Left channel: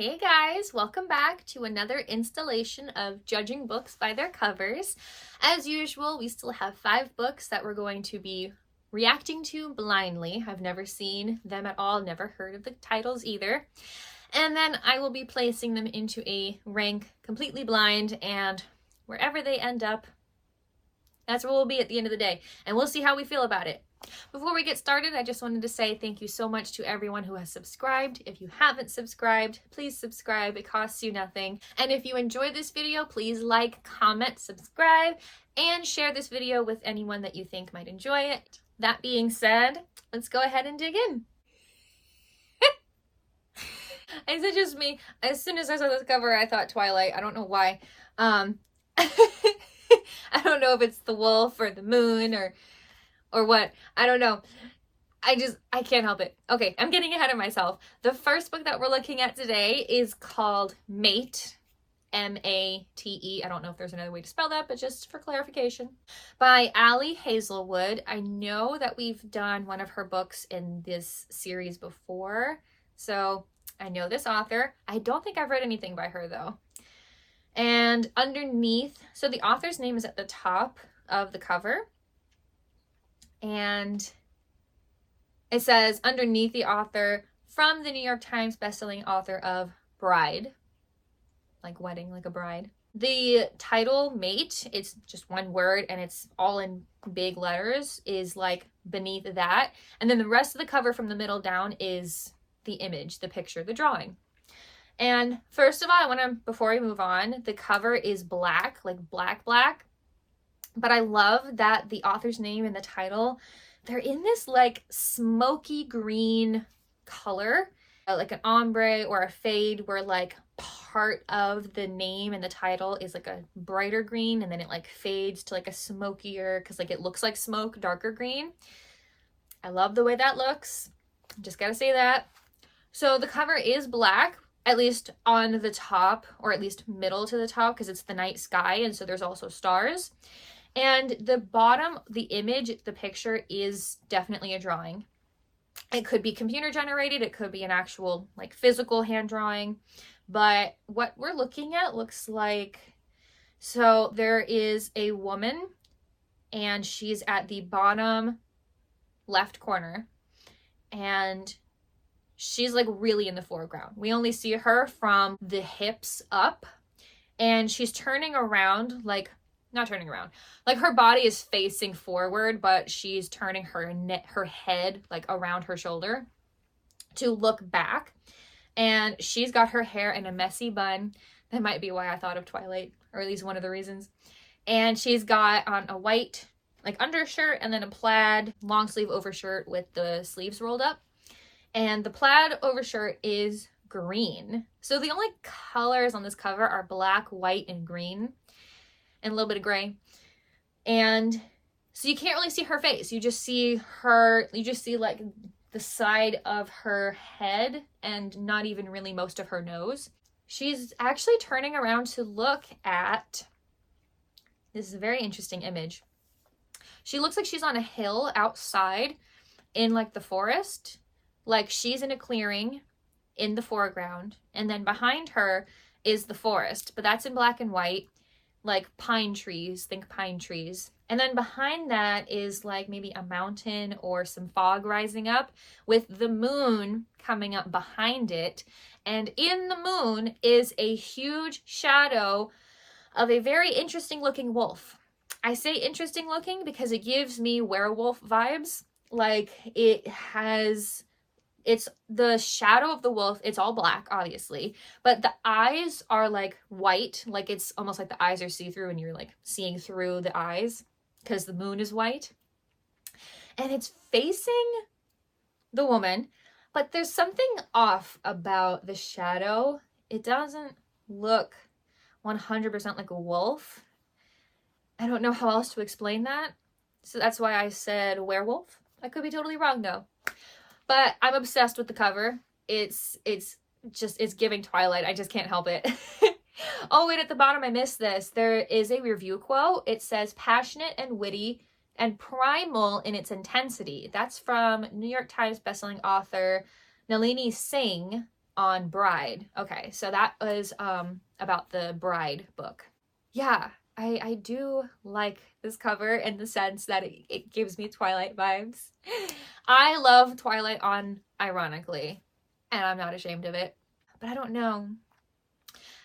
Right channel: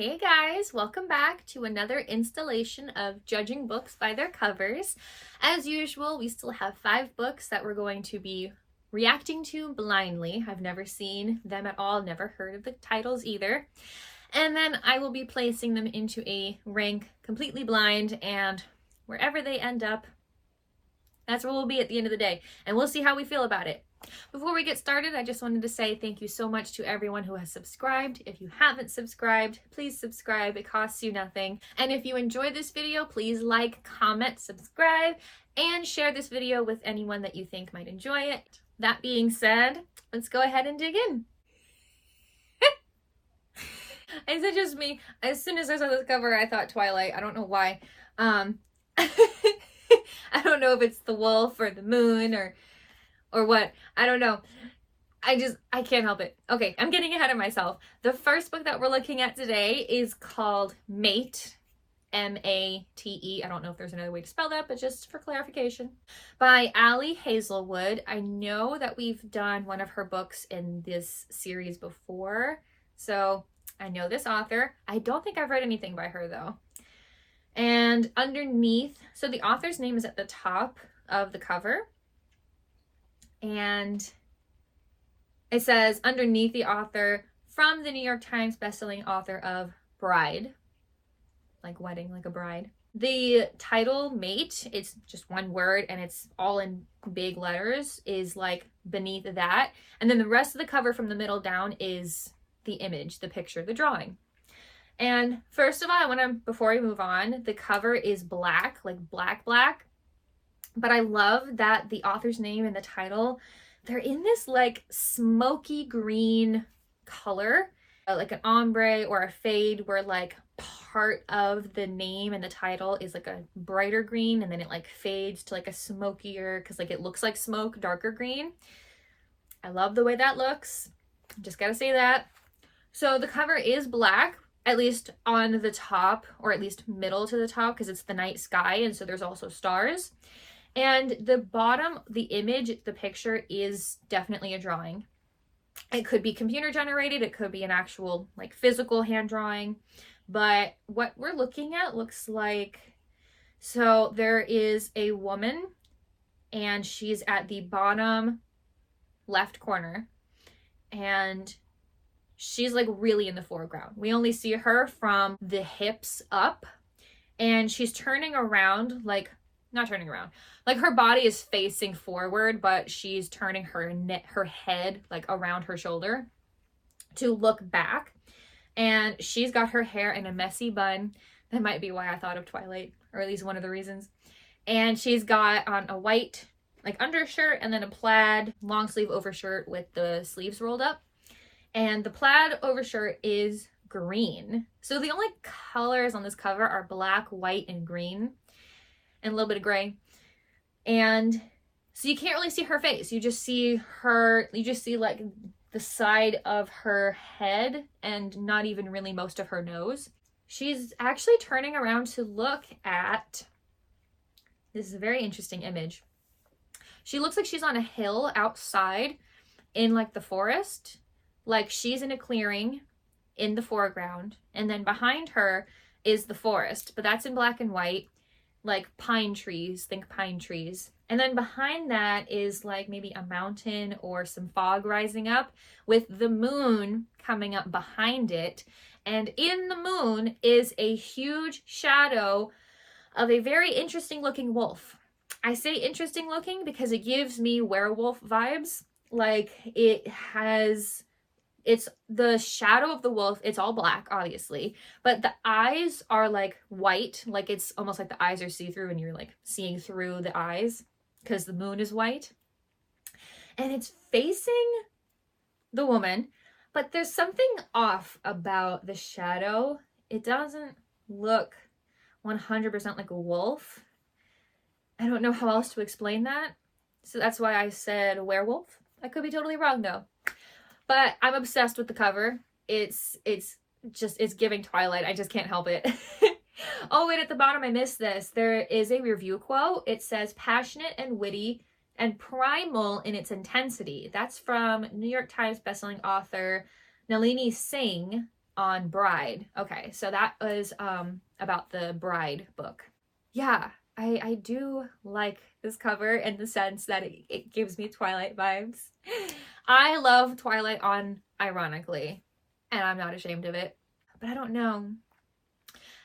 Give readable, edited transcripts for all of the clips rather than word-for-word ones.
Hey guys, welcome back to another installation of Judging Books by Their Covers. As usual, we still have 5 books that we're going to be reacting to blindly. I've never seen them at all, never heard of the titles either. And then I will be placing them into a rank completely blind, and wherever they end up, that's where we'll be at the end of the day. And we'll see how we feel about it. Before we get started, I just wanted to say thank you so much to everyone who has subscribed. If you haven't subscribed, please subscribe. It costs you nothing. And if you enjoyed this video, please like, comment, subscribe, and share this video with anyone that you think might enjoy it. That being said, let's go ahead and dig in. Is it just me? As soon as I saw this cover, I thought Twilight. I don't know why. I don't know if it's the wolf or the moon or what. I don't know. I can't help it. Okay, I'm getting ahead of myself. The first book that we're looking at today is called Mate, M-A-T-E. I don't know if there's another way to spell that, but just for clarification. By Allie Hazelwood. I know that we've done one of her books in this series before, so I know this author. I don't think I've read anything by her though. And underneath, so the author's name is at the top of the cover. And it says underneath the author, from the New York Times bestselling author of Bride, like wedding, like a bride. The title, Mate, it's just one word and it's all in big letters, is like beneath that. And then the rest of the cover from the middle down is the image, the picture, the drawing. And first of all, before we move on, the cover is black, like black. But I love that the author's name and the title, they're in this like smoky green color, like an ombre or a fade, where like part of the name and the title is like a brighter green and then it like fades to like a smokier, because like it looks like smoke, darker green. I love the way that looks. Just gotta say that. So the cover is black, at least on the top, or at least middle to the top, because it's the night sky and so there's also stars. And the bottom, the image, the picture is definitely a drawing. It could be computer generated, it could be an actual like physical hand drawing, but what we're looking at looks like, so there is a woman and she's at the bottom left corner and she's like really in the foreground. We only see her from the hips up, and she's turning around, like not turning around, like her body is facing forward, but she's turning her head like around her shoulder to look back. And she's got her hair in a messy bun. That might be why I thought of Twilight, or at least one of the reasons. And she's got on a white like undershirt and then a plaid long sleeve overshirt with the sleeves rolled up. And the plaid overshirt is green. So the only colors on this cover are black, white, and green, and a little bit of gray. And so you can't really see her face. You just see like the side of her head and not even really most of her nose. She's actually turning around to look at, this is a very interesting image. She looks like she's on a hill outside in like the forest. Like she's in a clearing in the foreground, and then behind her is the forest, but that's in black and white, like pine trees, think pine trees. And then behind that is like maybe a mountain or some fog rising up with the moon coming up behind it. And in the moon is a huge shadow of a very interesting looking wolf. I say interesting looking because it gives me werewolf vibes. Like it's the shadow of the wolf. It's all black, obviously, but the eyes are like white. Like it's almost like the eyes are see-through and you're like seeing through the eyes because the moon is white. And it's facing the woman, but there's something off about the shadow. It doesn't look 100% like a wolf. I don't know how else to explain that. So that's why I said werewolf. I could be totally wrong though. But I'm obsessed with the cover. It's giving Twilight. I just can't help it. Oh, and at the bottom, I missed this. There is a review quote. It says, passionate and witty and primal in its intensity. That's from New York Times bestselling author Nalini Singh on Bride. Okay, so that was about the Bride book. Yeah, I do like this cover in the sense that it gives me Twilight vibes. I love Twilight on ironically, and I'm not ashamed of it. But I don't know.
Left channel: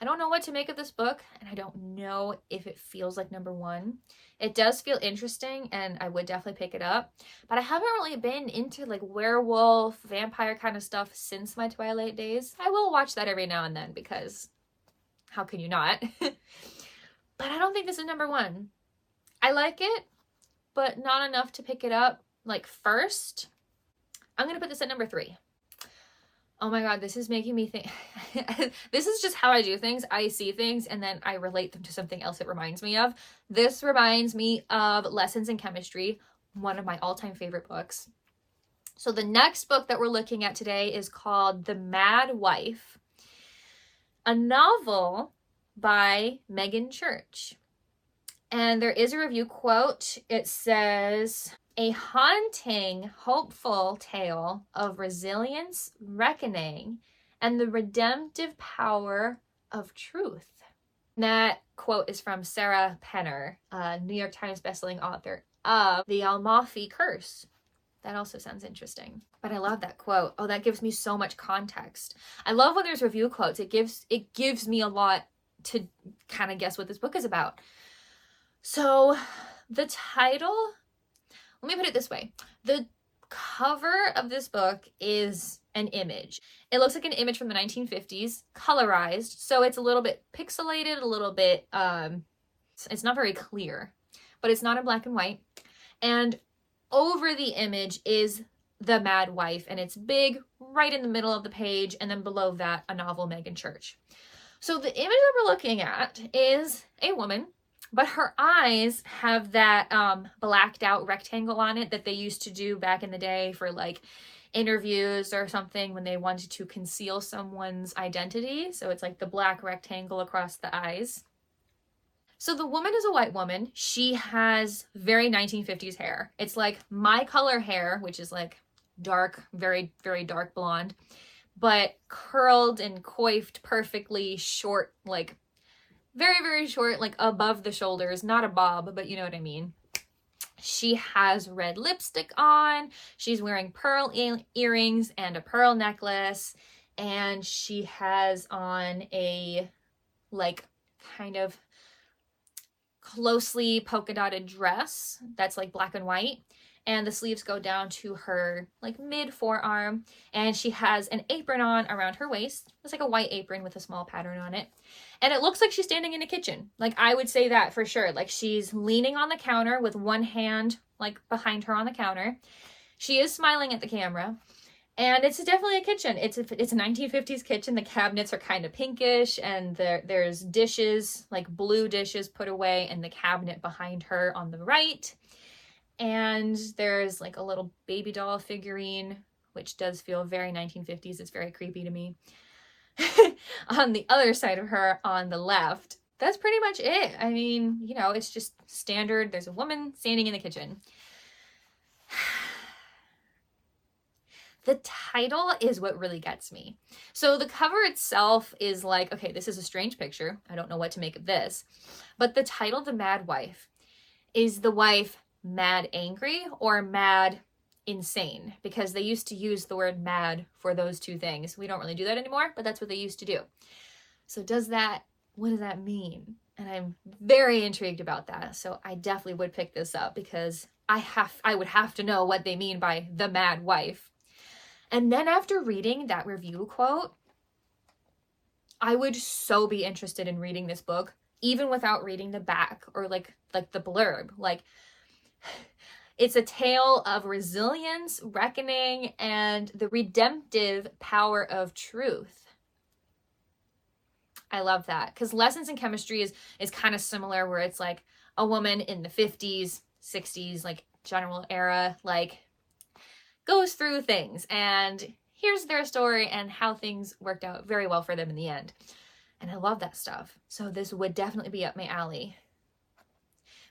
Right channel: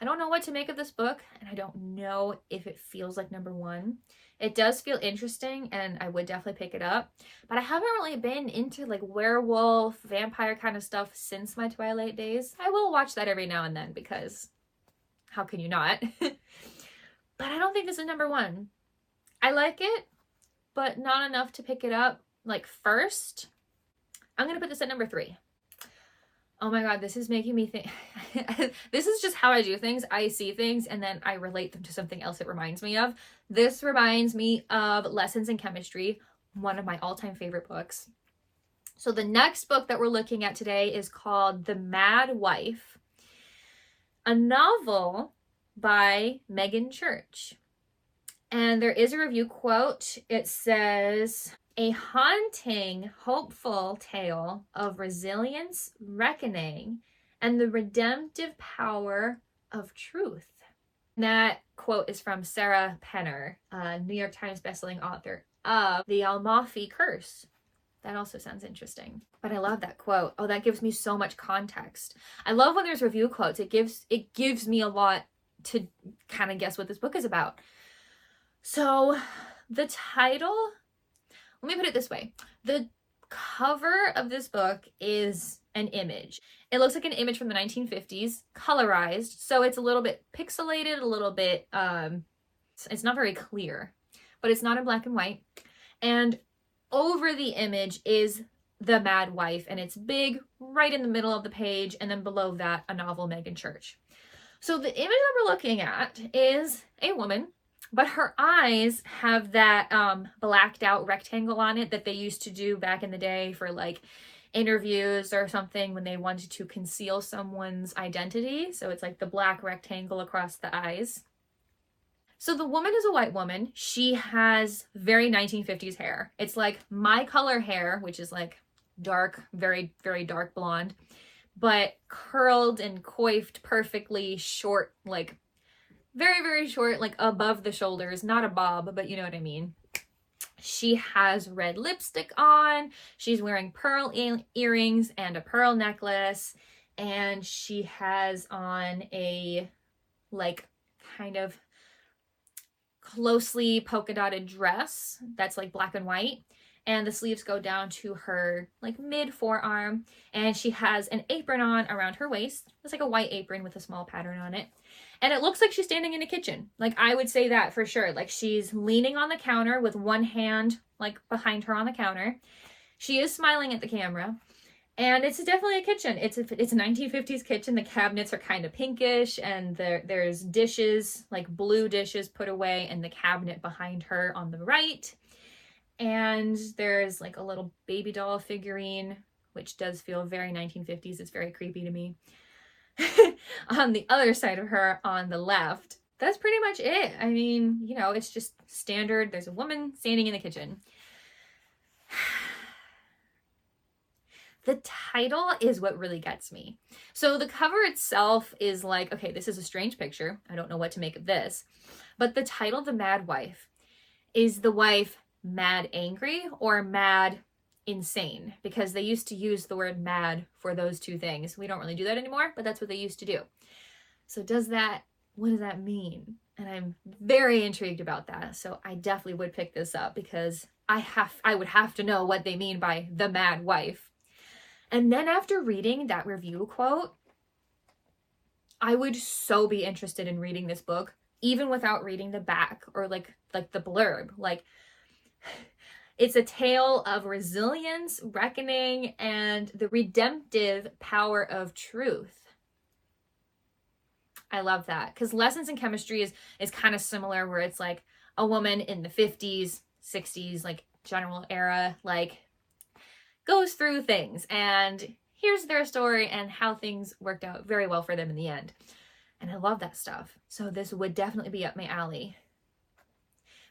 I don't know what to make of this book, and I don't know if it feels like number one. It does feel interesting, and I would definitely pick it up. But I haven't really been into like werewolf, vampire kind of stuff since my Twilight days. I will watch that every now and then because how can you not? But I don't think this is number one. I like it, but not enough to pick it up like first. I'm going to put this at number 3. Oh my God, this is making me think. This is just how I do things. I see things and then I relate them to something else it reminds me of. This reminds me of Lessons in Chemistry, one of my all-time favorite books. So the next book that we're looking at today is called The Mad Wife, a novel by Megan Church. And there is a review quote. It says, "A haunting, hopeful tale of resilience, reckoning, and the redemptive power of truth." And that quote is from Sarah Penner, New York Times bestselling author of The Amalfi Curse. That also sounds interesting. But I love that quote. Oh, that gives me so much context. I love when there's review quotes. It gives me a lot to kind of guess what this book is about. So the title, let me put it this way. The cover of this book is an image. It looks like an image from the 1950s, colorized. So it's a little bit pixelated, a little bit, it's not very clear, but it's not in black and white. And over the image is The Mad Wife, and it's big right in the middle of the page. And then below that, a novel, Megan Church. So the image that we're looking at is a woman, but her eyes have that blacked out rectangle on it that they used to do back in the day for like interviews or something when they wanted to conceal someone's identity. So it's like the black rectangle across the eyes. So the woman is a white woman. She has very 1950s hair. It's like my color hair, which is like dark, very, very dark blonde, but curled and coiffed perfectly short, like very, very short, like above the shoulders, not a bob, but you know what I mean. She has red lipstick on. She's wearing pearl earrings and a pearl necklace. And she has on a like kind of closely polka dotted dress that's like black and white. And the sleeves go down to her like mid forearm. And she has an apron on around her waist. It's like a white apron with a small pattern on it. And it looks like she's standing in a kitchen. Like I would say that for sure. Like she's leaning on the counter with one hand like behind her on the counter. She is smiling at the camera. And it's definitely a kitchen. It's a 1950s kitchen. The cabinets are kind of pinkish and there's dishes, like blue dishes put away in the cabinet behind her on the right. And there's like a little baby doll figurine, which does feel very 1950s. It's very creepy to me. On the other side of her on the left. That's pretty much it. I mean, you know, it's just standard. There's a woman standing in the kitchen. The title is what really gets me. So the cover itself is like, okay, this is a strange picture. I don't know what to make of this. But the title, The Mad Wife, is the wife mad angry or mad insane? Because they used to use the word mad for those two things. We don't really do that anymore, but that's what they used to do. So what does that mean? And I'm very intrigued about that. So I definitely would pick this up because I would have to know what they mean by the mad wife. And then after reading that review quote, I would so be interested in reading this book, even without reading the back or like the blurb. Like, it's a tale of resilience, reckoning, and the redemptive power of truth. I love that because Lessons in Chemistry is kind of similar, where it's like a woman in the 50s, 60s, like general era, like goes through things and here's their story and how things worked out very well for them in the end. And I love that stuff. So this would definitely be up my alley.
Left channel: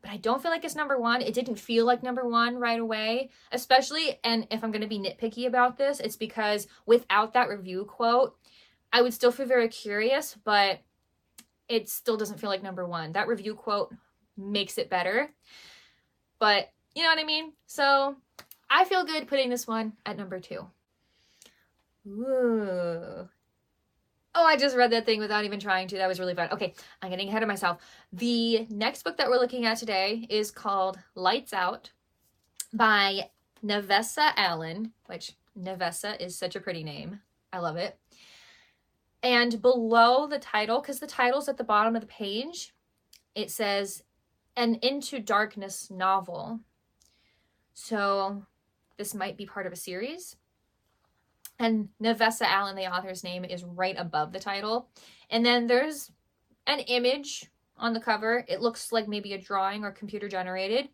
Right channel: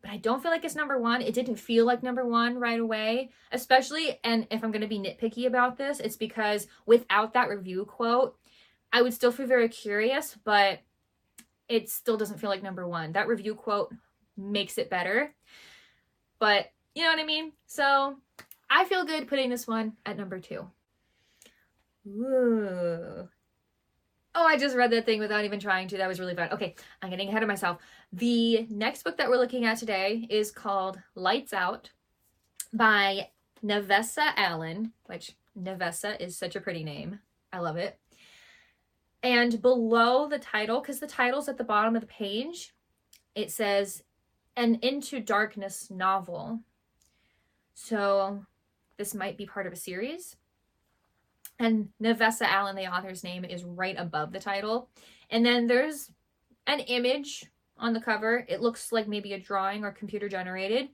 But I don't feel like it's number one. It didn't feel like number one right away, especially, and if I'm going to be nitpicky about this, it's because without that review quote, I would still feel very curious, but it still doesn't feel like number one. That review quote makes it better, but you know what I mean? So I feel good putting this one at number 2. Ooh. Oh, I just read that thing without even trying to. That was really fun. Okay, I'm getting ahead of myself. The next book that we're looking at today is called Lights Out by Nevessa Allen, which Nevessa is such a pretty name. I love it. And below the title, because the title's at the bottom of the page, it says an Into Darkness novel. So this might be part of a series. And Nevessa Allen, the author's name, is right above the title. And then there's an image on the cover. It looks like maybe a drawing or computer generated.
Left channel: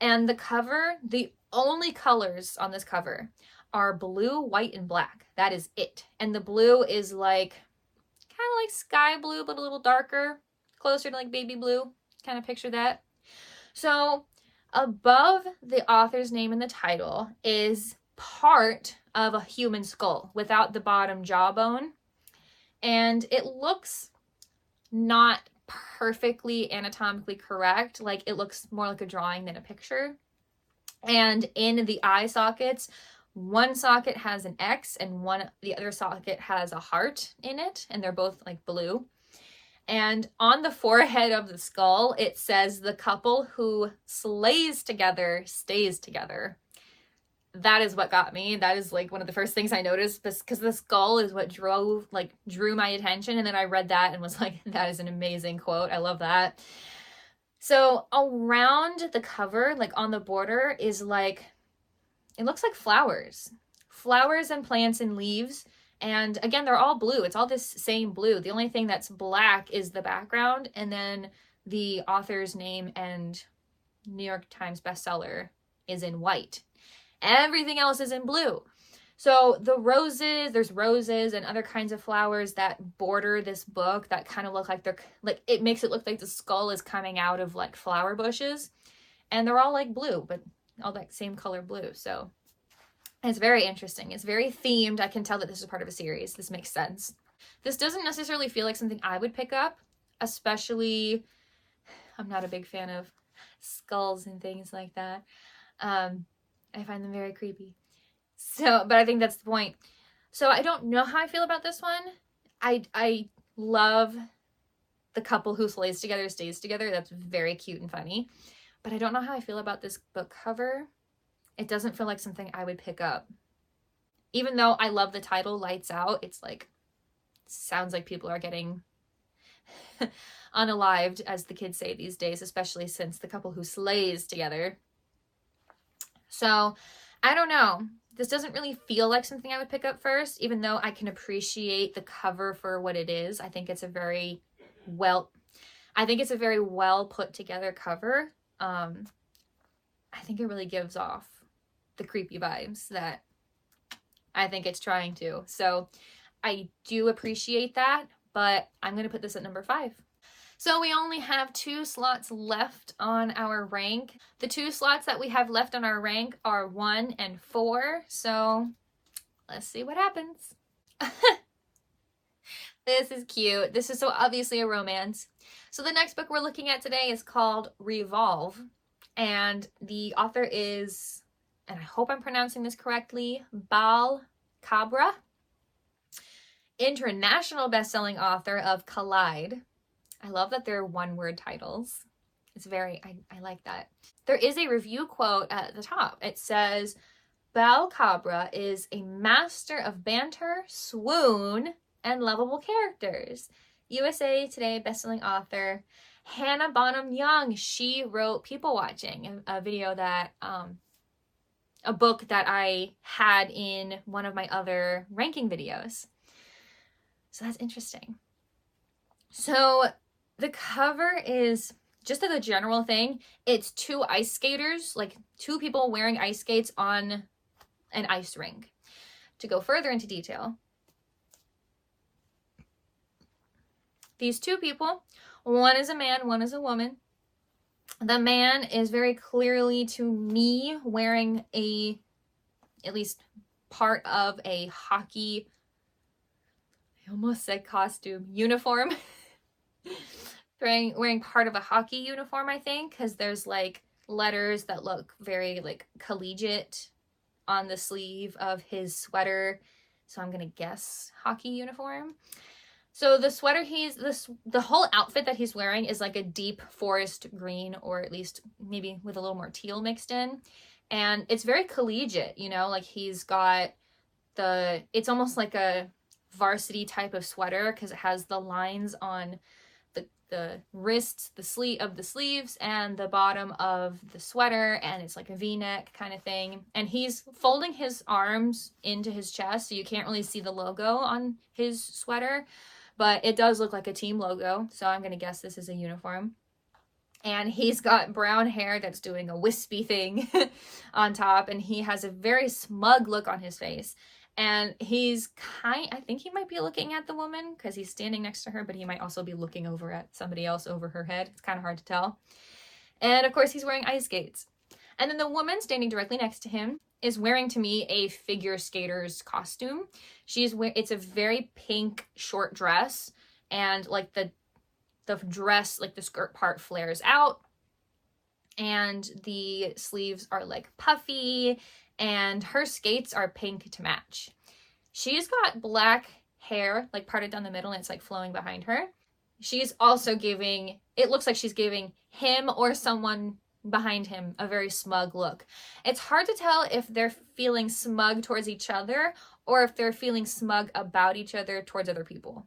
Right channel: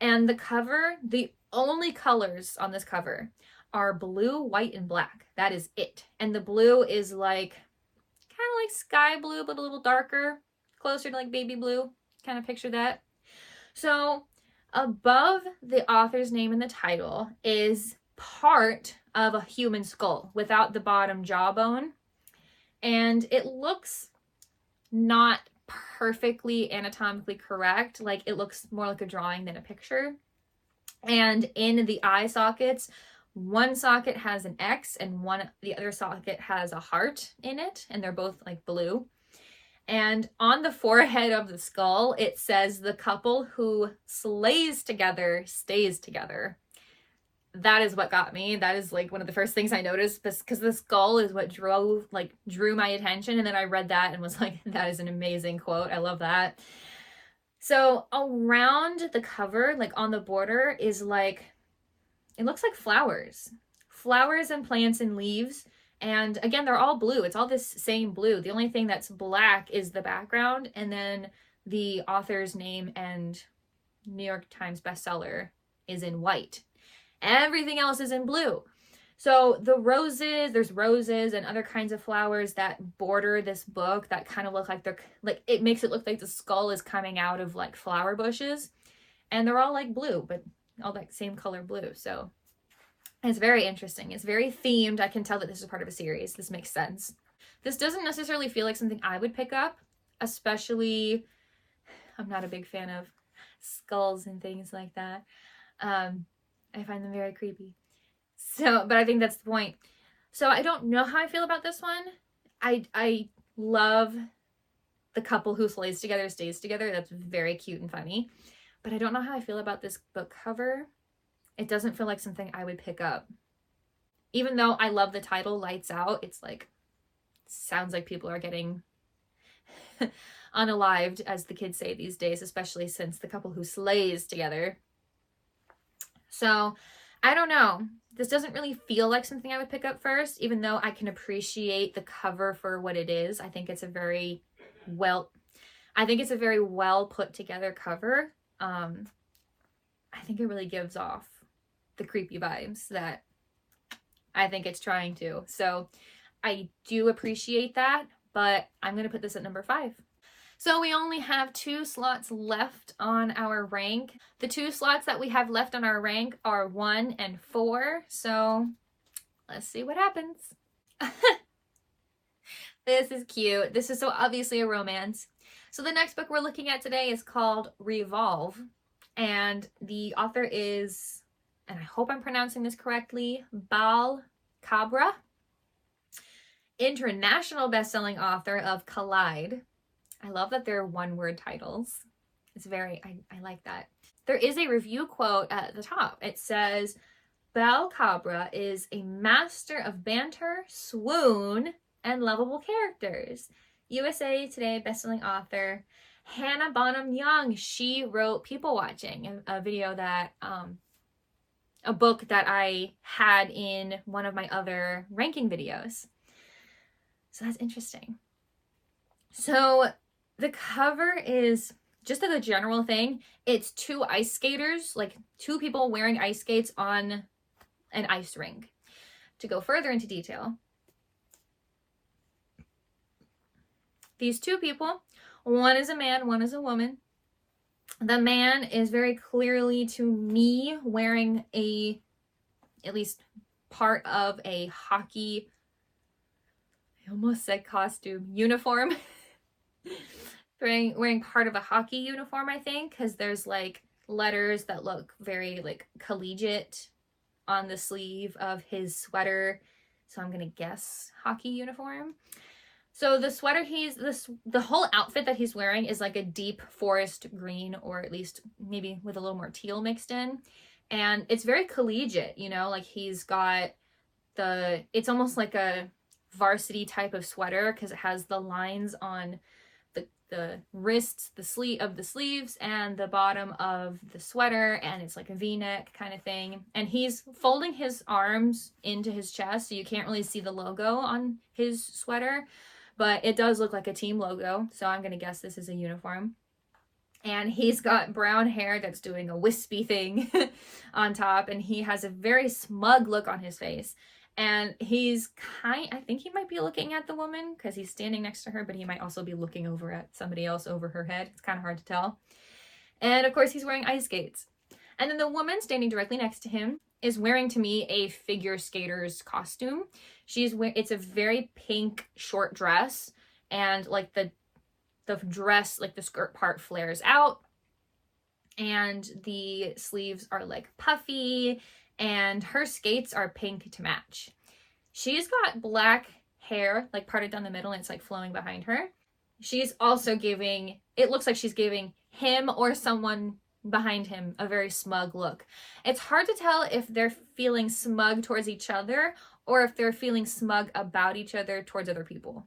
And the cover, the only colors on this cover are blue, white, and black. That is it. And the blue is like, kind of like sky blue, but a little darker, closer to like baby blue. Kind of picture that. So above the author's name in the title is part of a human skull without the bottom jawbone. And it looks not perfectly anatomically correct. Like it looks more like a drawing than a picture. And in the eye sockets, one socket has an X and the other socket has a heart in it. And they're both like blue. And on the forehead of the skull, it says the couple who slays together stays together. That is what got me. That is like one of the first things I noticed, because the skull is what drew my attention. And then I read that and was like, that is an amazing quote. I love that. So around the cover, like on the border, is like, it looks like flowers and plants and leaves. And again, they're all blue. It's all this same blue. The only thing that's black is the background, and then the author's name and New York Times bestseller is in white. Everything else is in blue. So there's roses and other kinds of flowers that border this book that kind of look like it makes it look like the skull is coming out of like flower bushes. And they're all like blue, but all that same color blue. So it's very interesting. It's very themed. I can tell that this is part of a series. This makes sense. This doesn't necessarily feel like something I would pick up, especially, I'm not a big fan of skulls and things like that. I find them very creepy. So, but I think that's the point. So I don't know how I feel about this one. I love the couple who slays together stays together. That's very cute and funny. But I don't know how I feel about this book cover. It doesn't feel like something I would pick up. Even though I love the title, Lights Out, it's like, sounds like people are getting unalived, as the kids say these days, especially since the couple who slays together. So I don't know. This doesn't really feel like something I would pick up first, even though I can appreciate the cover for what it is. I think it's a very well put together cover. I think it really gives off the creepy vibes that I think it's trying to. So I do appreciate that, but I'm going to put this at number 5. So we only have 2 slots left on our rank. The 2 slots that we have left on our rank are 1 and 4. So let's see what happens. This is cute. This is so obviously a romance. So the next book we're looking at today is called Revolve. And the author is, and I hope I'm pronouncing this correctly, Bal Cabra, international best-selling author of Collide. I love that they're one-word titles. It's very, I like that. There is a review quote at the top. It says, Bal Cabra is a master of banter, swoon, and lovable characters. USA Today bestselling author Hannah Bonham Young. She wrote People Watching, a video that, a book that I had in one of my other ranking videos. So that's interesting. So the cover is just as a general thing. It's 2 ice skaters, like 2 people wearing ice skates on an ice rink. To go further into detail, these 2 people, one is a man, one is a woman. The man is very clearly, to me, wearing at least part of a hockey I almost said costume, uniform. wearing part of a hockey uniform, I think, because there's like letters that look very like collegiate on the sleeve of his sweater. So I'm gonna guess hockey uniform. So the sweater the whole outfit that he's wearing is like a deep forest green, or at least maybe with a little more teal mixed in. And it's very collegiate, you know, like he's got it's almost like a varsity type of sweater because it has the lines on the wrists, the sleeve of the sleeves, and the bottom of the sweater, and it's like a v-neck kind of thing. And he's folding his arms into his chest, so you can't really see the logo on his sweater, but it does look like a team logo, so I'm gonna guess this is a uniform. And he's got brown hair that's doing a wispy thing on top, and he has a very smug look on his face. And I think he might be looking at the woman because he's standing next to her, but he might also be looking over at somebody else over her head. It's kind of hard to tell. And of course, he's wearing ice skates. And then the woman standing directly next to him is wearing, to me, a figure skater's costume. It's a very pink short dress, and like the dress, like the skirt part flares out, and the sleeves are like puffy, and her skates are pink to match. She's got black hair, like parted down the middle, and it's like flowing behind her. She's also it looks like she's giving him or someone behind him a very smug look. It's hard to tell if they're feeling smug towards each other or if they're feeling smug about each other towards other people.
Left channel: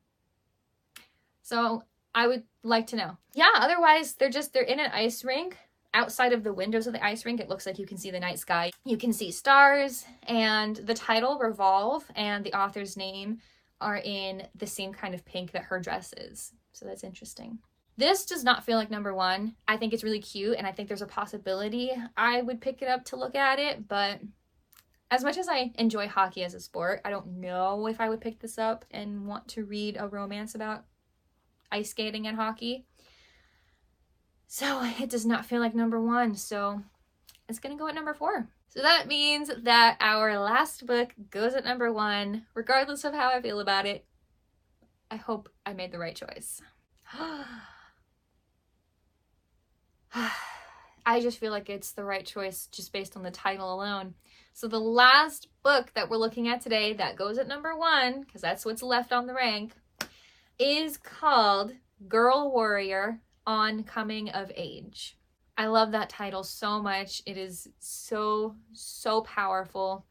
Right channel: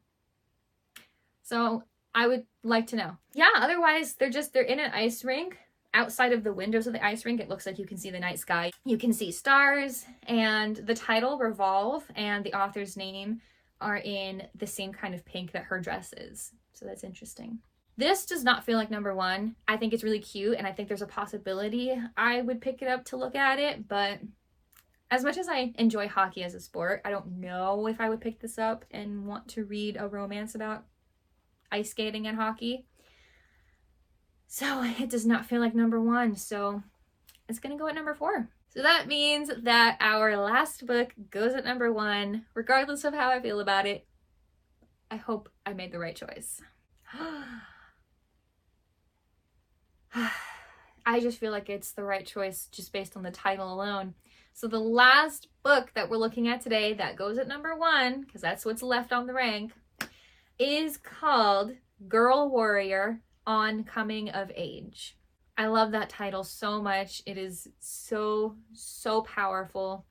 So I would like to know. Yeah, otherwise they're in an ice rink. Outside of the windows of the ice rink, it looks like you can see the night sky. You can see stars, and the title Revolve and the author's name are in the same kind of pink that her dress is. So that's interesting. This does not feel like number one. I think it's really cute, and I think there's a possibility I would pick it up to look at it, but as much as I enjoy hockey as a sport, I don't know if I would pick this up and want to read a romance about ice skating and hockey. So it does not feel like number one, so it's gonna go at number 4. So that means that our last book goes at number 1, regardless of how I feel about it. I hope I made the right choice. I just feel like it's the right choice just based on the title alone. So the last book that we're looking at today that goes at number 1, because that's what's left on the rank, is called Girl Warrior on Coming of Age. I love that title so much. It is so powerful.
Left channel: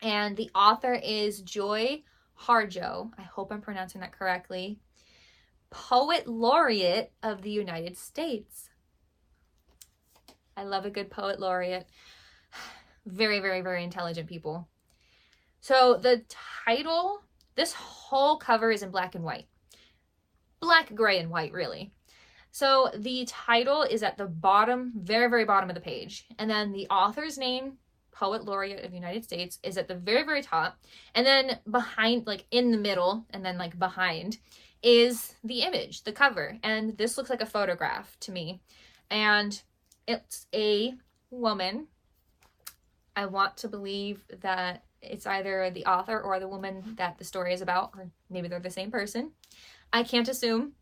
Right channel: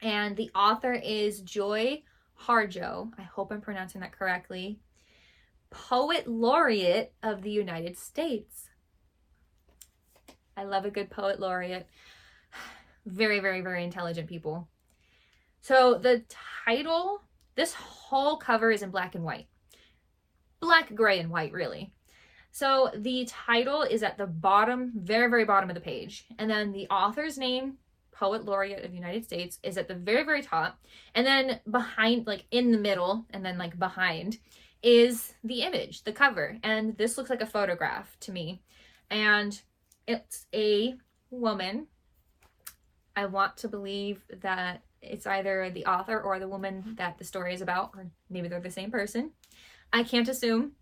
And the author is Joy Harjo. I hope I'm pronouncing that correctly. Poet Laureate of the United States. I love a good poet laureate. Very, very, very intelligent people. So the title, this whole cover is in black and white. Black, gray, and white, really. So the title is at the bottom, very, very bottom of the page. And then the author's name, Poet Laureate of the United States, is at the very, very top. And then behind, like in the middle, and then like behind, is the image, the cover. And this looks like a photograph to me. And it's a woman. I want to believe that it's either the author or the woman that the story is about, or maybe they're the same person. I can't assume.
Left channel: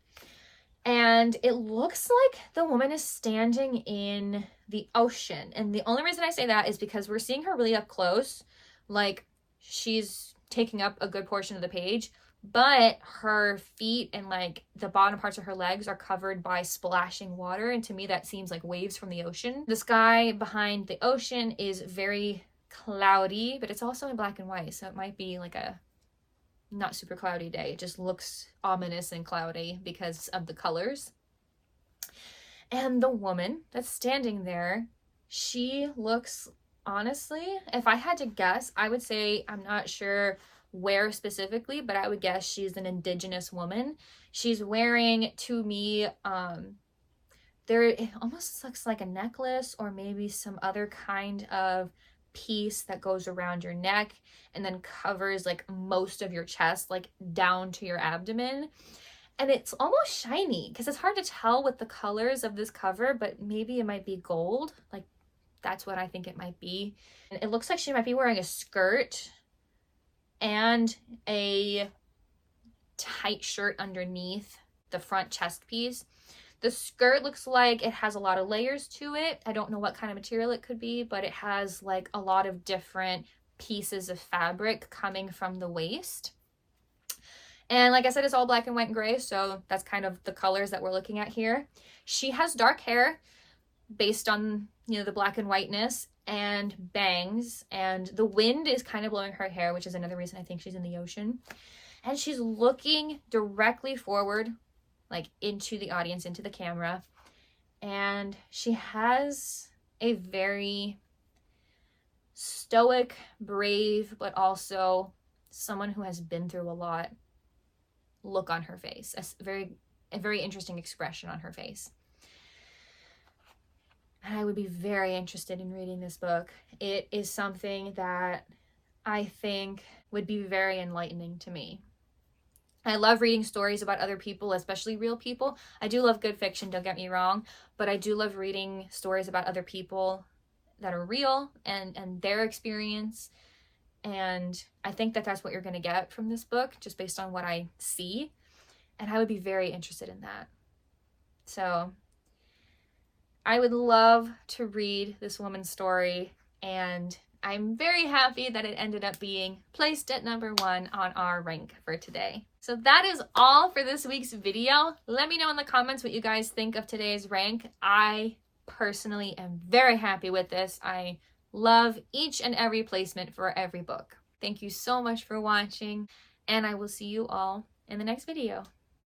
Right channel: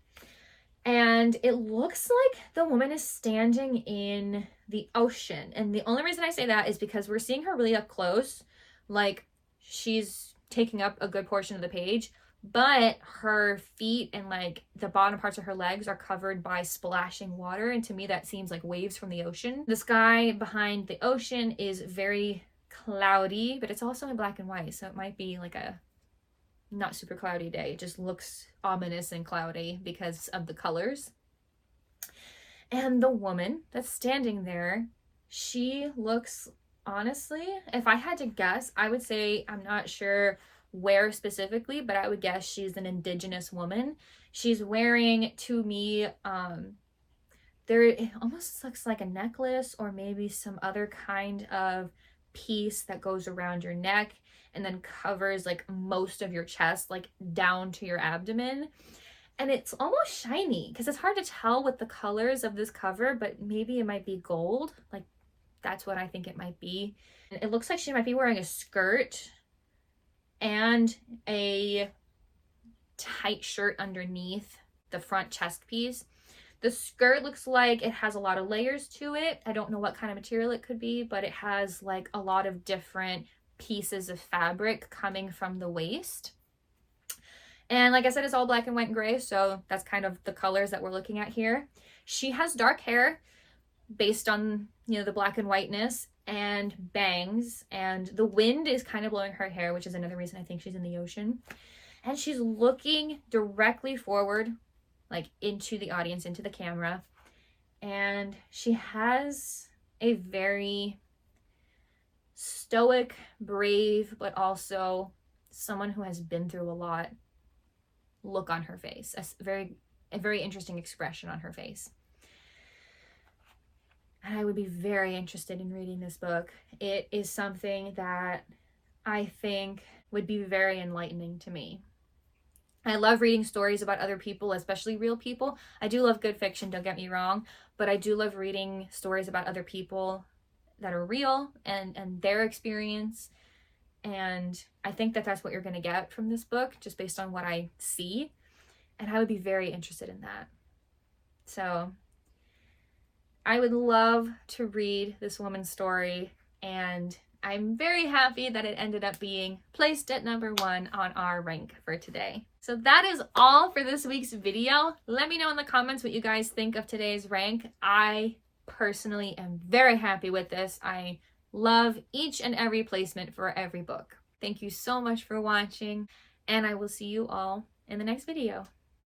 And it looks like the woman is standing in the ocean. And the only reason I say that is because we're seeing her really up close. Like, she's taking up a good portion of the page, but her feet and like the bottom parts of her legs are covered by splashing water. And to me, that seems like waves from the ocean. The sky behind the ocean is very cloudy, but it's also in black and white. So it might be like a not super cloudy day. It just looks ominous and cloudy because of the colors. And the woman that's standing there, she looks, honestly, if I had to guess, I would say, I'm not sure where specifically, but I would guess she's an indigenous woman. She's wearing, to me, it almost looks like a necklace or maybe some other kind of piece that goes around your neck and then covers like most of your chest, like down to your abdomen. And it's almost shiny because it's hard to tell with the colors of this cover, but maybe it might be gold. Like, that's what I think it might be. And it looks like she might be wearing a skirt and a tight shirt underneath the front chest piece. The skirt looks like it has a lot of layers to it. I don't know what kind of material it could be, but it has like a lot of different pieces of fabric coming from the waist. And like I said, it's all black and white and gray, so that's kind of the colors that we're looking at here. She has dark hair based on, you know, the black and whiteness, and bangs, and the wind is kind of blowing her hair, which is another reason I think she's in the ocean. And she's looking directly forward, like into the audience, into the camera. And she has a very stoic, brave, but also someone who has been through a lot look on her face. A very interesting expression on her face. And I would be very interested in reading this book. It is something that I think would be very enlightening to me. I love reading stories about other people, especially real people. I do love good fiction, don't get me wrong, but I do love reading stories about other people that are real and their experience. And I think that that's what you're going to get from this book, just based on what I see. And I would be very interested in that. So I would love to read this woman's story, and I'm very happy that it ended up being placed at number 1 on our rank for today. So that is all for this week's video. Let me know in the comments what you guys think of today's rank. I personally am very happy with this. I love each and every placement for every book. Thank you so much for watching, and I will see you all in the next video.